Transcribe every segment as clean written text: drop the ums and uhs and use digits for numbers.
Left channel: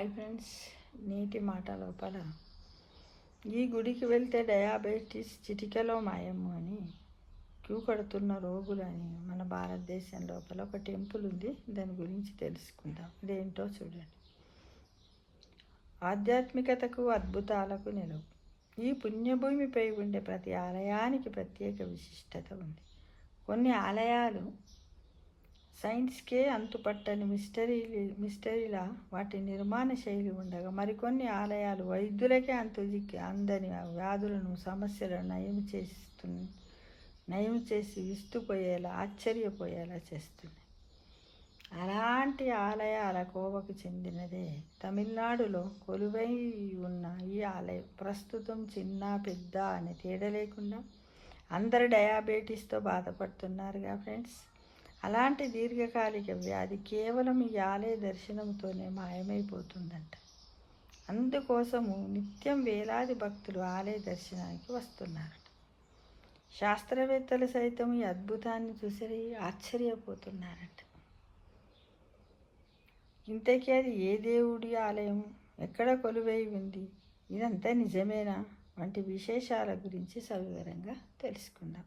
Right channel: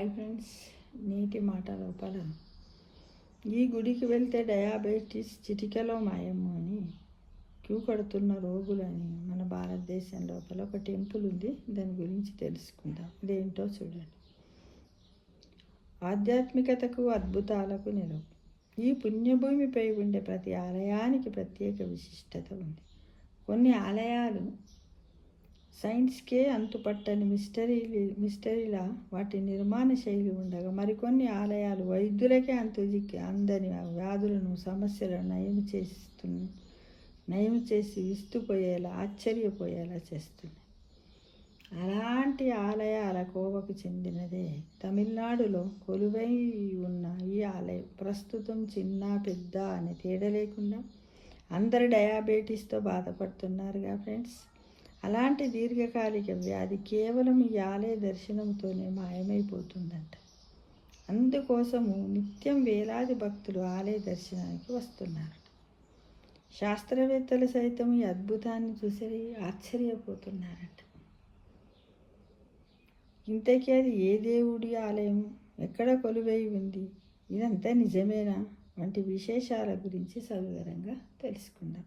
Hi friends, నీటి మాట లోపల ఈ గుడికి వెళ్తే డయాబెటీస్ చిటికెలో మాయము అని క్యూ కడుతున్న రోగులని మన భారతదేశం లోపల ఒక టెంపుల్ ఉంది. దాని గురించి తెలుసుకుందాం. ఇదేంటో చూడండి. ఆధ్యాత్మికతకు అద్భుతాలకు నిలువు. ఈ పుణ్యభూమిపై ఉండే ప్రతి ఆలయానికి ప్రత్యేక విశిష్టత ఉంది. కొన్ని ఆలయాలు సైన్స్కే అంతుపట్టని మిస్టరీలా వాటి నిర్మాణ శైలి ఉండగా, మరికొన్ని ఆలయాలు వైద్యులకే అందని వ్యాధులను, సమస్యలను నయం చేసి విస్తుపోయేలా, ఆశ్చర్యపోయేలా చేస్తున్నాయి. అలాంటి ఆలయాల కోవకు చెందినదే తమిళనాడులో కొలువై ఉన్న ఈ ఆలయం. ప్రస్తుతం చిన్న పెద్ద అని తేడా లేకుండా అందరు డయాబెటీస్తో బాధపడుతున్నారుగా ఫ్రెండ్స్. అలాంటి దీర్ఘకాలిక వ్యాధి కేవలం ఈ ఆలయ దర్శనంతోనే మాయమైపోతుందంట. అందుకోసము నిత్యం వేలాది భక్తులు ఆలయ దర్శనానికి వస్తున్నారట. శాస్త్రవేత్తలు సైతం ఈ అద్భుతాన్ని చూసి ఆశ్చర్యపోతున్నారట. ఇంతకీ అది ఏ దేవుడి ఆలయం, ఎక్కడ కొలువై ఉంది, ఇదంతా నిజమేనా వంటి విశేషాల గురించి సవివరంగా తెలుసుకుందాం.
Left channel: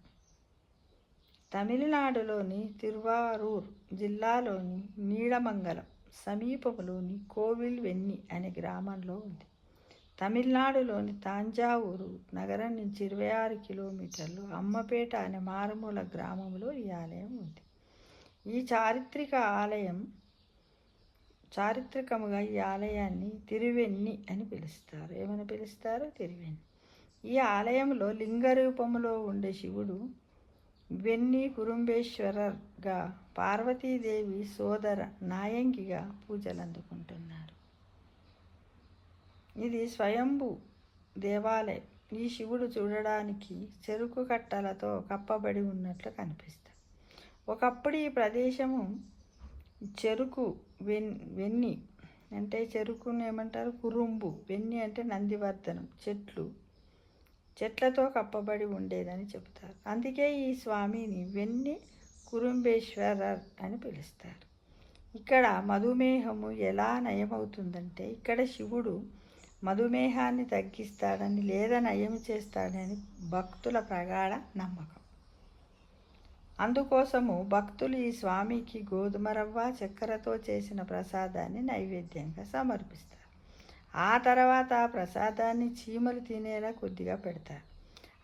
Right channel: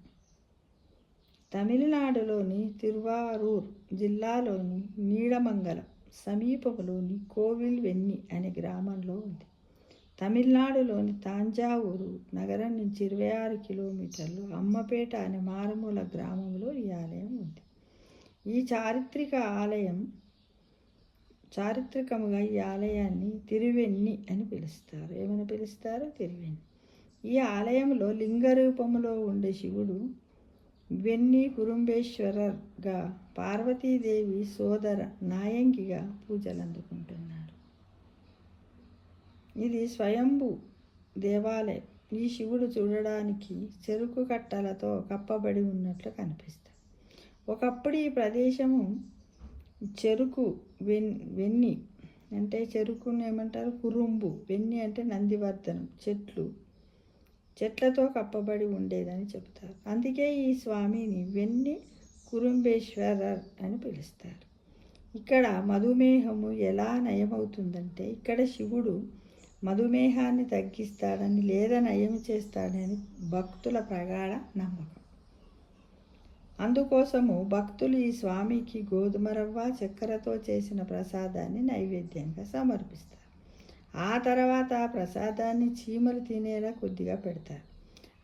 తమిళనాడులోని తిరువారూర్ జిల్లాలోని నీడమంగళం సమీపంలోని కోవిల్ వెన్ని అనే గ్రామంలో ఉంది. తమిళనాడులోని తాంజావూరు నగరం నుంచి 26 కిలోమీటర్లు అమ్మపేట అనే మారుమూల గ్రామంలో ఈ ఆలయం ఉంది. ఈ చారిత్రకముగా ఈ ఆలయాన్ని తిరువెన్ని అని పిలుస్తారు. ఏమని పిలుస్తారు? తిరువెన్ని. ఈ ఆలయంలో లింగ రూపంలో ఉండే శివుడు వెన్ని కురుంబేశ్వరర్గా, పార్వతీదేవి సోదర నాయంగిగా పూజలు అందుకుంటున్నారు. ఇది స్వయంభూ దేవాలయం. ఈ శివుడు చూడడానికి చెరుకు కట్టలతో కప్పబడి ఉన్నట్లు కనిపిస్తాడు. ఒకప్పుడు ఈ ప్రదేశము చెరుకు వెన్ని అంటే చెరుకును ఏమంటారు? కురుంబు. వెన్ని అంటే నందివర్ధనం, చెట్లతో కప్పబడి ఉండేదని చెబుతారు. అందుకే ఈ స్వామిని వెన్ని కురుంబేశ్వరర్ అని పిలుస్తారు. ఇక్కడ మధుమేహము ఎలా నయమవుతుందంటే, ఇక్కడ శివుడు మధుమేహాన్ని తగ్గిస్తాడని లేదా నయం చేస్తాడని భక్తుల ప్రగాఢ నమ్మకం. అందుకోసము భక్తులు ఈ స్వామికి గోధుమ రవ్వ, చక్కెరతో చేసిన ప్రసాదాన్ని నైవేద్యంగా సమర్పిస్తారు. ఆ తర్వాత ఆ ప్రసాదాన్ని చీమలు తినేలా కొద్దిగా పెడతారు.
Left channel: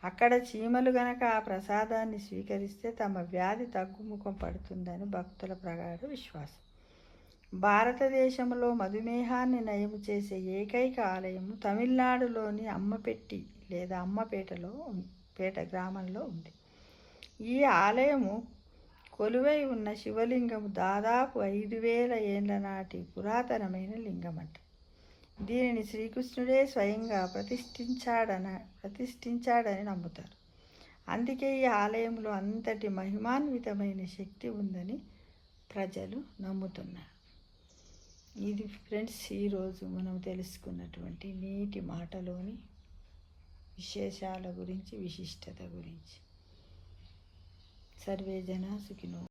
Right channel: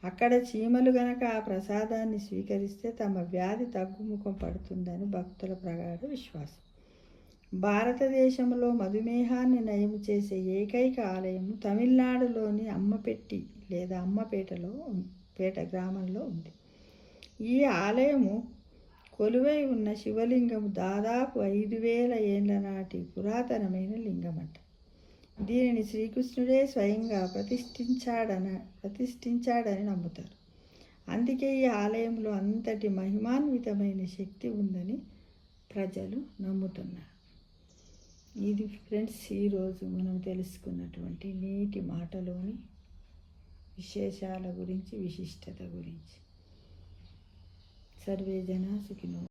అక్కడ చీమలు గనక ఆ ప్రసాదాన్ని స్వీకరిస్తే తమ వ్యాధి తగ్గుముఖం పడుతుందని భక్తుల ప్రగాఢ విశ్వాసం. భారతదేశంలో మధుమేహాన్ని నయం చేసే ఏకైక ఆలయము తమిళనాడులోని అమ్మపెట్టి లేదా అమ్మపేట గ్రామంలో ఉంది. ఈ ఆలయము కొలువై ఉన్న శివలింగము దాదాపు 5000 ఏళ్ల నాటి పురాతనమైన లింగమంట. దీనిని శ్రీకృష్ణుడే స్వయంగా ప్రతిష్ఠించాడని నమ్ముతారు. అందుకే ఈ ఆలయంలో అంతటి మహిమాన్వితమైన శక్తి ఉందని ప్రజలు నమ్ముతున్నారు. ఇది ఫ్రెండ్స్, ఈరోజు మనం తెలుసుకున్నటువంటి నీటి మాటలోని విశేషాల గురించి, విశిష్టత గురించి. సర్వే జనా సుఖినో